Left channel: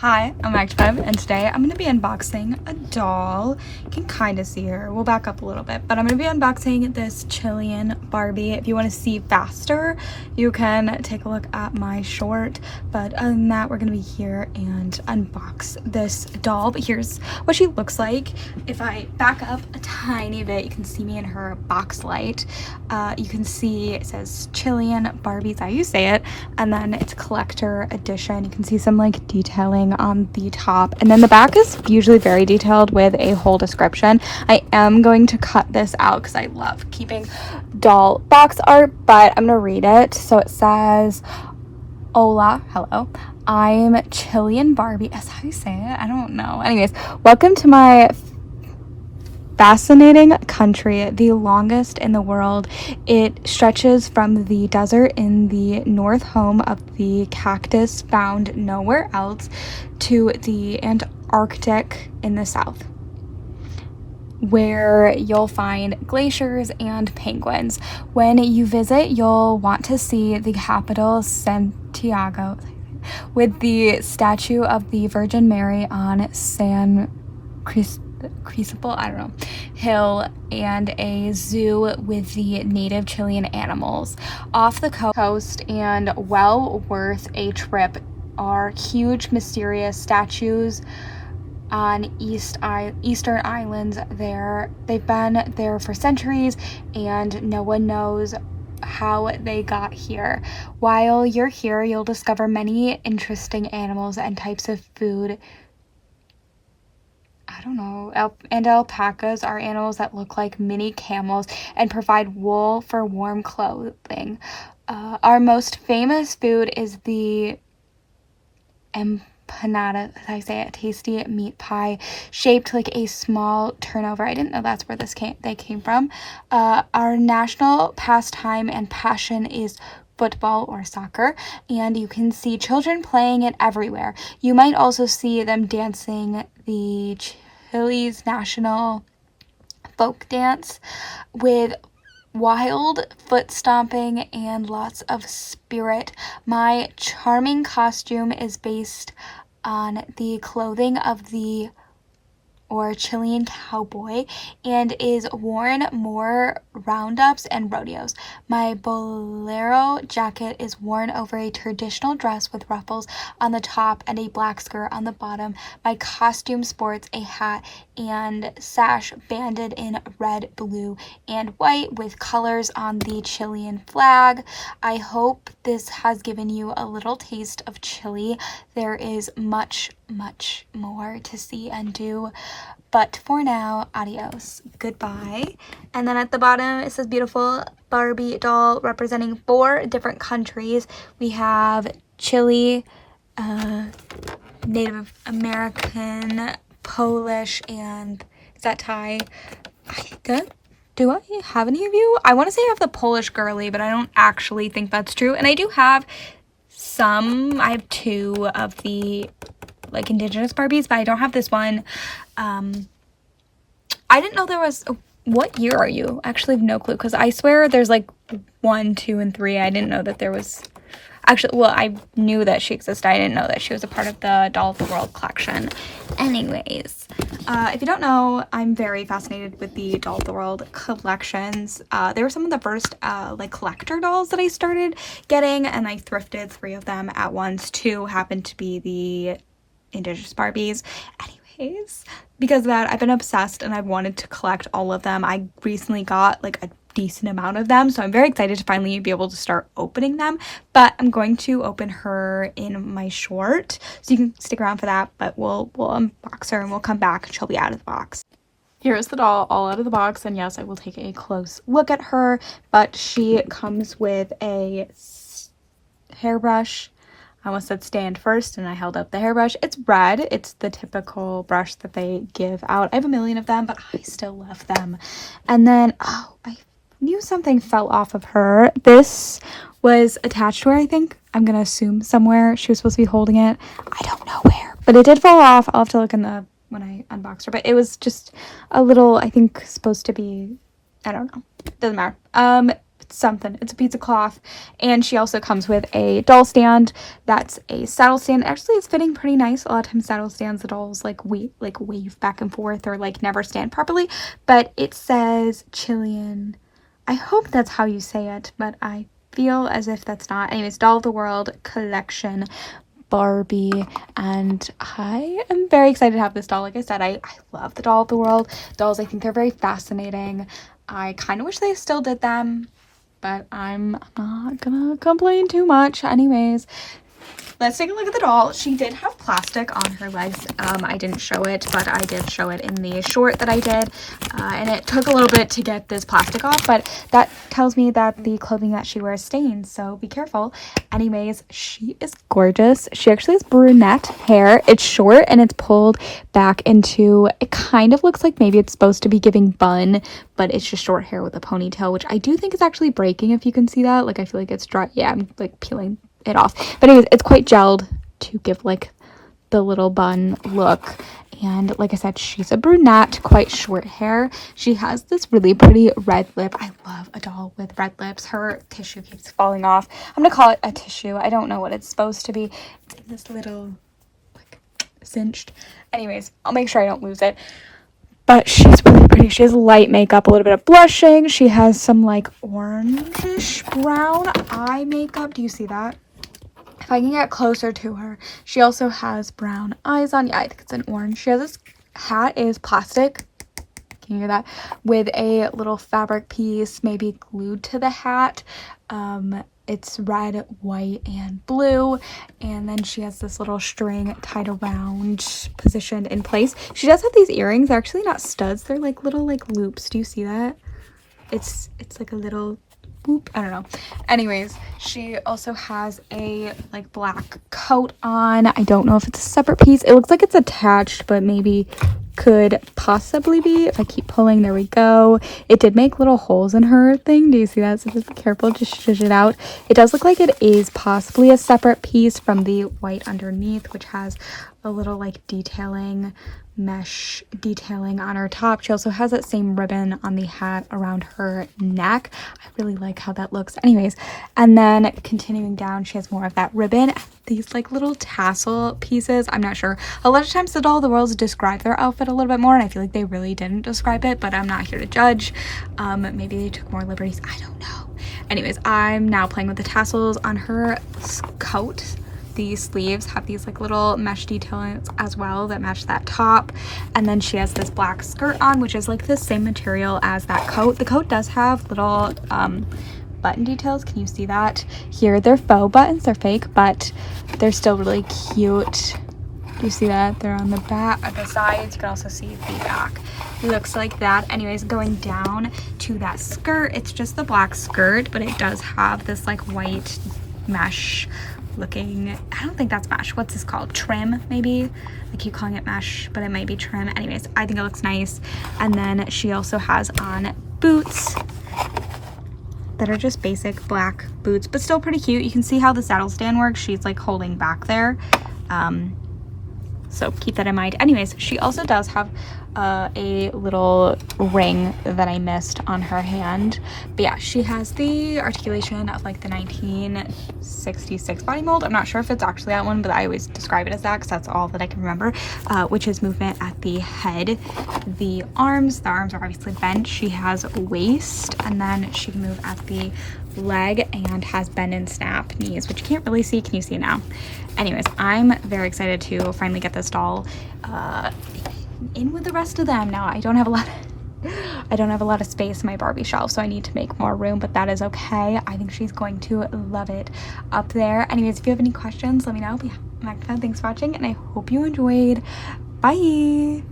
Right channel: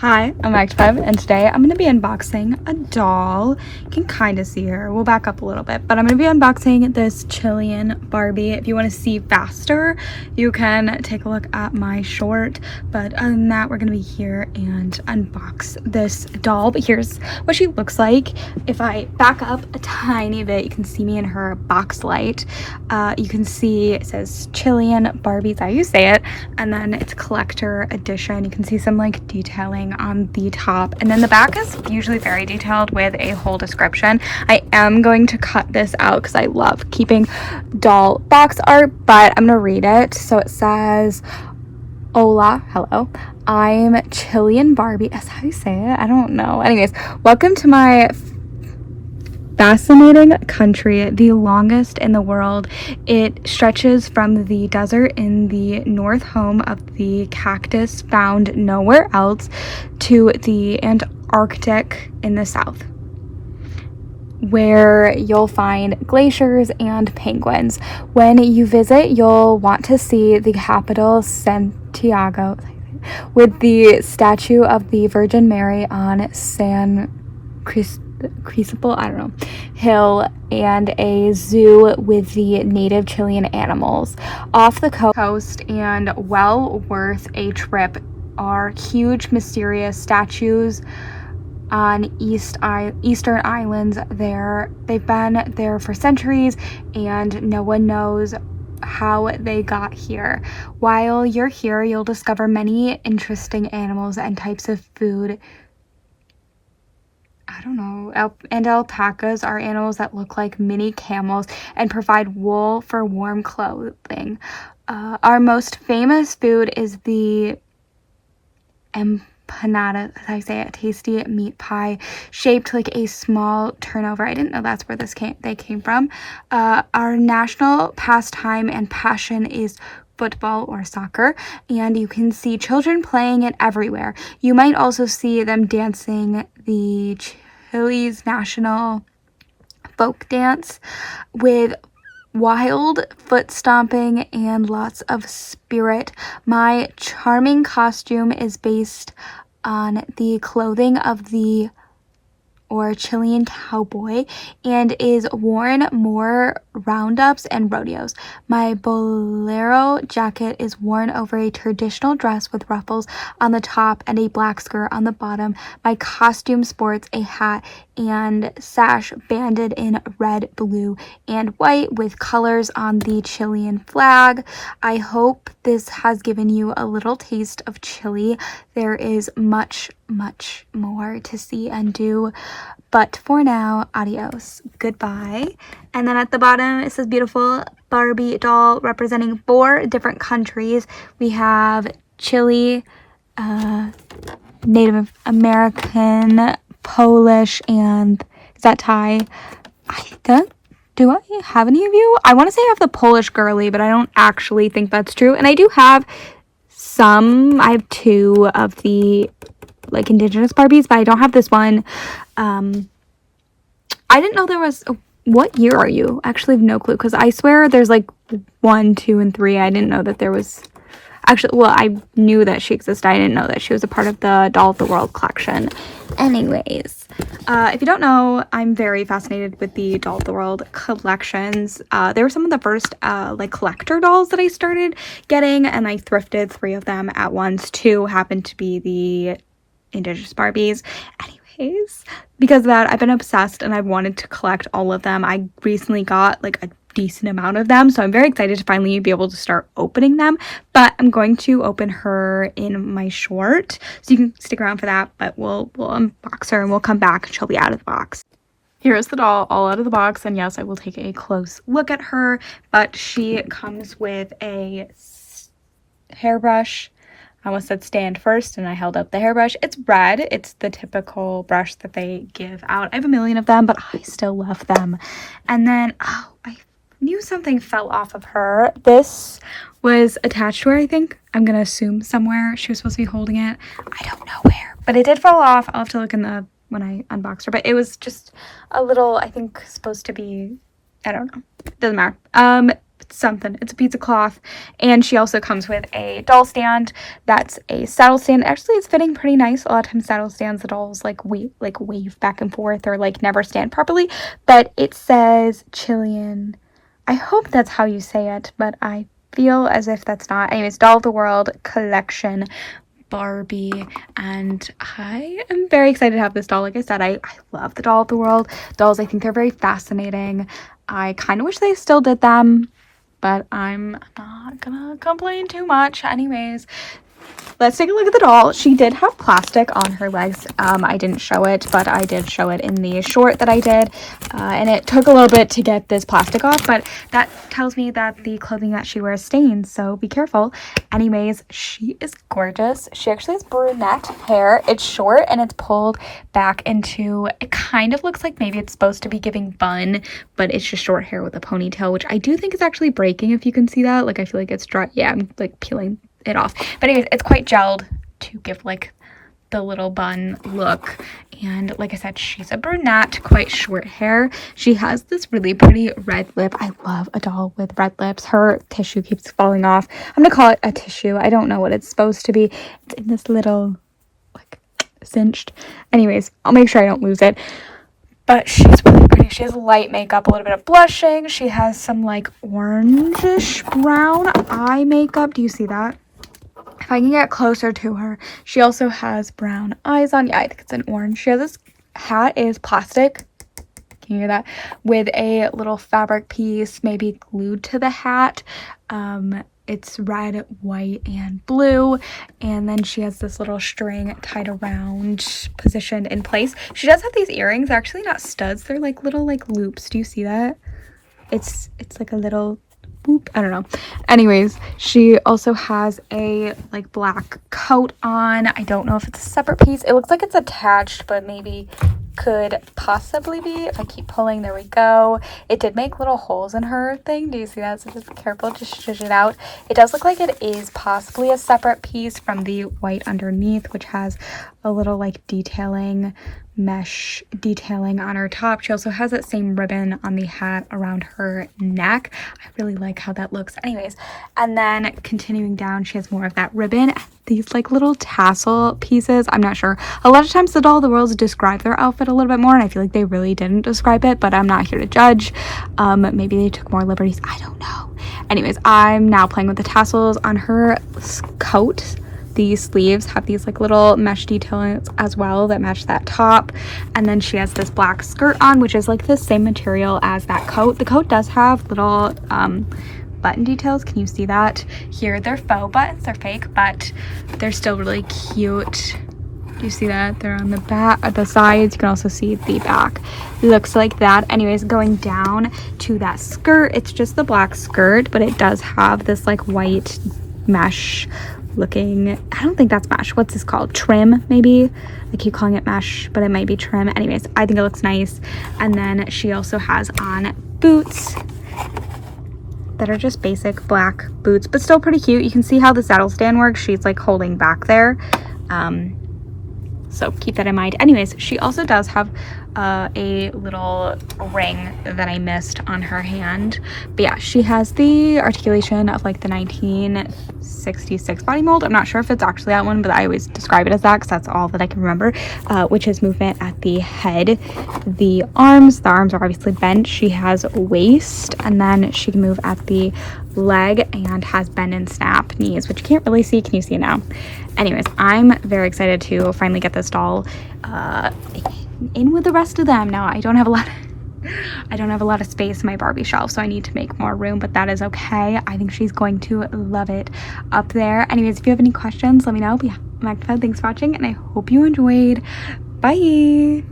Hi, I'm Active, and today I'm going to be unboxing a doll. You can kind of see her. We'll back up a little bit, but I'm going to be unboxing this Chilean Barbie. If you want to see faster, you can take a look at my short, but other than that, we're going to be here and unbox this doll. But here's what she looks like. If I back up a tiny bit, you can see me in her box light. You can see it says Chilean Barbie, that's how you say it, and then it's collector edition. You can see some like detailing on the top, and then the back is usually very detailed with a whole description. I am going to cut this out because I love keeping doll box art, but I'm gonna read it. So it says, "Hola, hello, I'm Chilean Barbie." That's how you say it? I don't know. Anyways, welcome to my fascinating country, the longest in the world. It stretches from the desert in the north, home of the cactus found nowhere else, to the Antarctic in the south, where you'll find glaciers and penguins. When you visit, you'll want to see the capital, Santiago, with the statue of the Virgin Mary on San Cristobal, I don't know, hill, and a zoo with the native Chilean animals. Off the coast and well worth a trip are huge mysterious statues on eastern islands. They've been there for centuries, and no one knows how they got here. While you're here, you'll discover many interesting animals and types of food. I don't know. And alpacas are animals that look like mini camels and provide wool for warm clothing. Our most famous food is the empanada, as I say it, tasty meat pie shaped like a small turnover. I didn't know that's where they came from. Our national pastime and passion is football or soccer, and you can see children playing it everywhere. You might also see them dancing the Chile's national folk dance with wild foot stomping and lots of spirit. My charming costume is based on the clothing of the Chilean cowboy and is worn more roundups and rodeos. My bolero jacket is worn over a traditional dress with ruffles on the top and a black skirt on the bottom. My costume sports a hat and sash banded in red, blue, and white with colors on the Chilean flag. I hope this has given you a little taste of Chile. There is much more to see and do, but for now, adios, goodbye. And then at the bottom it says beautiful Barbie doll representing 4 different countries. We have Chile, Native American, Polish, and is that Thai? Do I have any of you? I want to say I have the Polish girly, but I don't actually think that's true. And I do have I have 2 of the like indigenous Barbies, but I don't have this one. I didn't know there was. What year are you? I actually have no clue, because I swear there's like 1, 2, and 3. I didn't know that there was. Actually, well, I knew that she existed. I didn't know that she was a part of the Doll of the World collection. Anyways, if you don't know, I'm very fascinated with the Doll of the World collections. They were some of the first like collector dolls that I started getting, and I thrifted 3 of them at once. 2 happened to be the indigenous Barbies. Anyways, because of that, I've been obsessed and I've wanted to collect all of them. I recently got like a decent amount of them, so I'm very excited to finally be able to start opening them. But I'm going to open her in my short, so you can stick around for that. But we'll unbox her and we'll come back and she'll be out of the box. Here's the doll all out of the box, and yes, I will take a close look at her, but she comes with a hairbrush. I almost said stand first and I held up the hairbrush. It's red. It's the typical brush that they give out. I have a million of them, but I still love them. And then, oh, I knew something fell off of her. This was attached to her, I think. I'm gonna assume somewhere. She was supposed to be holding it. I don't know where, but it did fall off. I'll have to look in when I unboxed her, but it was just a little, I think, supposed to be, I don't know. Doesn't matter. something. It's a pizza cloth. And she also comes with a doll stand. That's a saddle stand. Actually, it's fitting pretty nice. A lot of times saddle stands, the dolls like wave back and forth or like never stand properly. But it says Chilean. I hope that's how you say it, but I feel as if that's not. Anyways, Doll of the World collection Barbie, and I am very excited to have this doll. Like I said, I love the Doll of the World dolls. I think they're very fascinating. I kind of wish they still did them, but I'm not gonna complain too much. Anyways, let's take a look at the doll. She did have plastic on her legs. I didn't show it, but I did show it in the short that I did. And it took a little bit to get this plastic off, but that tells me that the clothing that she wears stains, so be careful. Anyways, she is gorgeous. She actually has brunette hair. It's short and it's pulled back into, it kind of looks like maybe it's supposed to be giving bun, but it's just short hair with a ponytail, which I do think is actually breaking, if you can see that. Like, I feel like it's dry. Yeah, I'm like peeling it off, but anyways, it's quite gelled to give like the little bun look. And like I said, she's a brunette, quite short hair. She has this really pretty red lip. I love a doll with red lips. Her tissue keeps falling off. I'm gonna call it a tissue. I don't know what it's supposed to be. It's in this little like cinched. Anyways, I'll make sure I don't lose it. But she's really pretty. She has light makeup, a little bit of blushing. She has some like orangish brown eye makeup. Do you see that? If I can get closer to her, she also has brown eyes on. Yeah, I think it's an orange. She has this hat is plastic. Can you hear that? With a little fabric piece maybe glued to the hat. It's red, white, and blue. And then she has this little string tied around, positioned in place. She does have these earrings. They're actually not studs. They're like little like loops. Do you see that? It's like a little boop. I don't know. Anyways, she also has a like black coat on. I don't know if it's a separate piece. It looks like it's attached, but maybe could possibly be. If I keep pulling, there we go. It did make little holes in her thing. Do you see that? So just be careful, just shush it out. It does look like it is possibly a separate piece from the white underneath, which has a little like detailing, mesh detailing on her top. She also has that same ribbon on the hat around her neck. I really like how that looks. Anyways, and then continuing down, she has more of that ribbon, these like little tassel pieces. I'm not sure. A lot of times the Doll of the World describe their outfit a little bit more, and I feel like they really didn't describe it, but I'm not here to judge. Maybe they took more liberties. I don't know. Anyways, I'm now playing with the tassels on her coat. These sleeves have these like little mesh details as well that match that top. And then she has this black skirt on, which is like the same material as that coat. The coat does have little button details. Can you see that? Here they're faux buttons, they're fake, but they're still really cute. You see that? They're on the back, at the sides. You can also see the back. It looks like that. Anyways, going down to that skirt, it's just the black skirt, but it does have this like white mesh looking, I don't think that's mesh. What's this called? Trim, maybe? I keep calling it mesh, but it might be trim. Anyways, I think it looks nice. And then she also has on boots that are just basic black boots, but still pretty cute. You can see how the saddle stand works. She's like holding back there. So keep that in mind. Anyways, she also does have a little ring that I missed on her hand. But yeah, she has the articulation of like the 1966 body mold. I'm not sure if it's actually that one, but I always describe it as that because that's all that I can remember, which is movement at the head. The arms are obviously bent. She has waist, and then she can move at the leg and has bend and snap knees, which you can't really see. Can you see it now? Anyways, I'm very excited to finally get this doll in with the rest of them. Now I don't have a lot of space in my Barbie shelf, so I need to make more room, but that is okay. I think she's going to love it up there. Anyways, if you have any questions, let me know. But yeah, I'm Magnified. Thanks for watching, and I hope you enjoyed. Bye.